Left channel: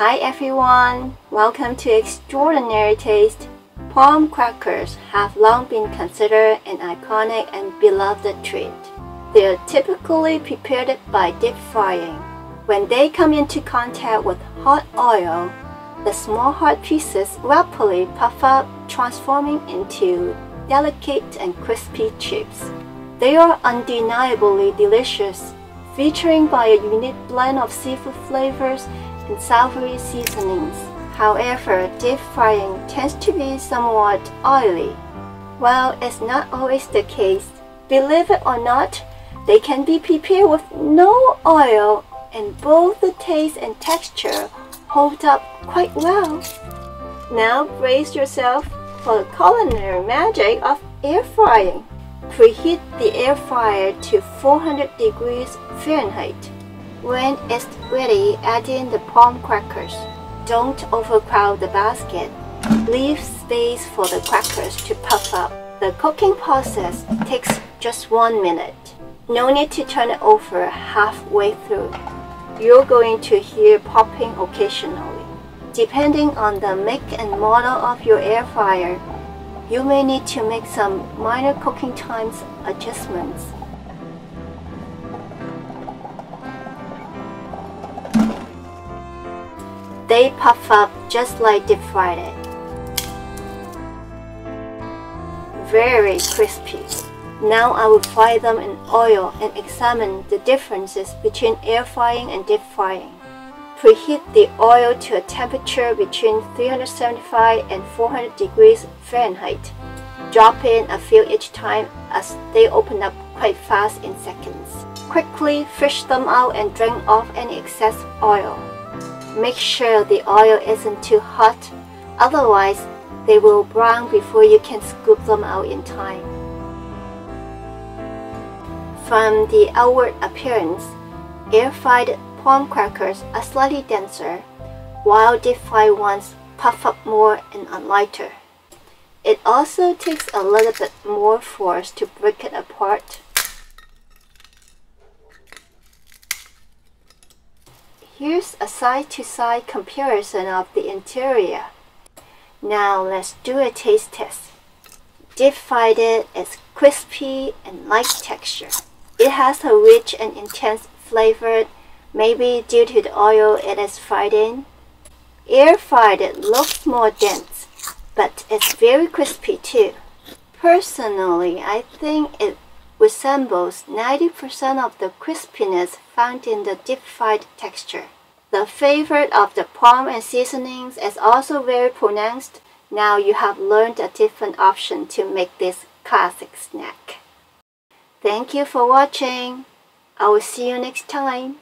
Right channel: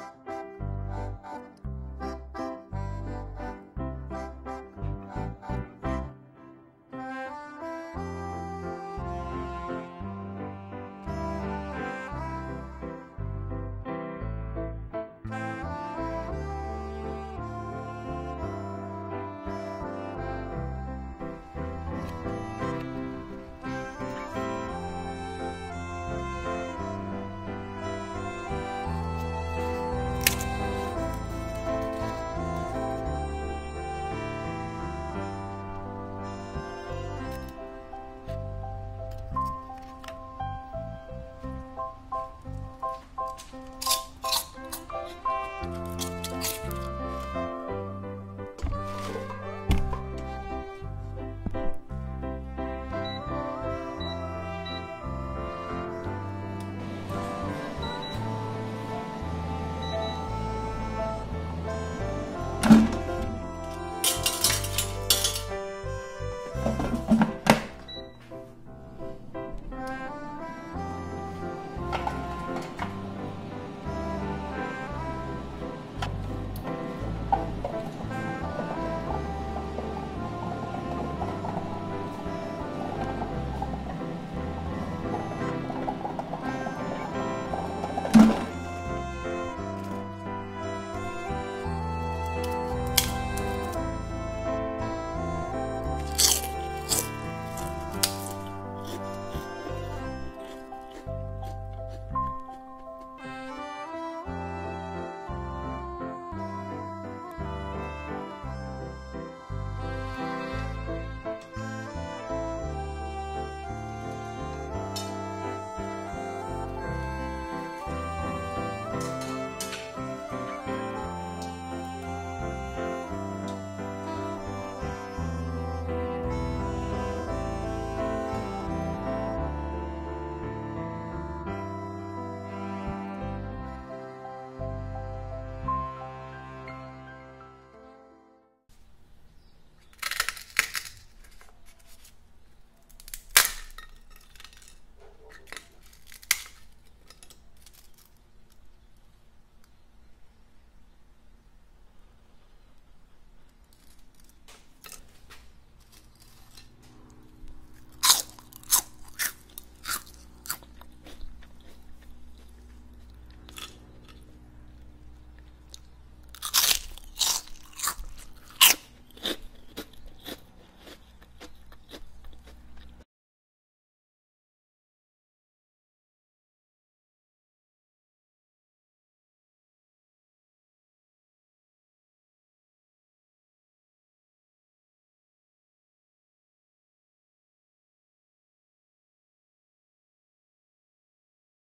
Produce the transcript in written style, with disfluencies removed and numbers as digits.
Hi everyone, welcome to Extraordinary Taste. Prawn crackers have long been considered an iconic and beloved treat. They are typically prepared by deep frying. When they come into contact with hot oil, the small hard pieces rapidly puff up, transforming into delicate and crispy chips. They are undeniably delicious, featuring by a unique blend of seafood flavors and savory seasonings. However, deep frying tends to be somewhat oily. While it's not always the case, believe it or not, they can be prepared with no oil, and both the taste and texture hold up quite well. Now brace yourself for the culinary magic of air frying. Preheat the air fryer to 400 degrees Fahrenheit. When it's ready, add in the prawn crackers. Don't overcrowd the basket. Leave space for the crackers to puff up. The cooking process takes just 1 minute. No need to turn it over halfway through. You're going to hear popping occasionally. Depending on the make and model of your air fryer, you may need to make some minor cooking times adjustments. They puff up just like deep fried it. Very crispy. Now I will fry them in oil and examine the differences between air frying and deep frying. Preheat the oil to a temperature between 375 and 400 degrees Fahrenheit. Drop in a few each time as they open up quite fast in seconds. Quickly fish them out and drain off any excess oil. Make sure the oil isn't too hot, otherwise they will brown before you can scoop them out in time. From the outward appearance, air-fried prawn crackers are slightly denser, while deep-fried ones puff up more and are lighter. It also takes a little bit more force to break it apart. Here's a side-to-side comparison of the interior. Now let's do a taste test. Deep-fried it is crispy and light texture. It has a rich and intense flavor, maybe due to the oil it is fried in. Air-fried it looks more dense, but it's very crispy too. Personally, I think it resembles 90% of the crispiness found in the deep-fried texture. The flavor of the prawn and seasonings is also very pronounced. Now you have learned a different option to make this classic snack. Thank you for watching. I will see you next time.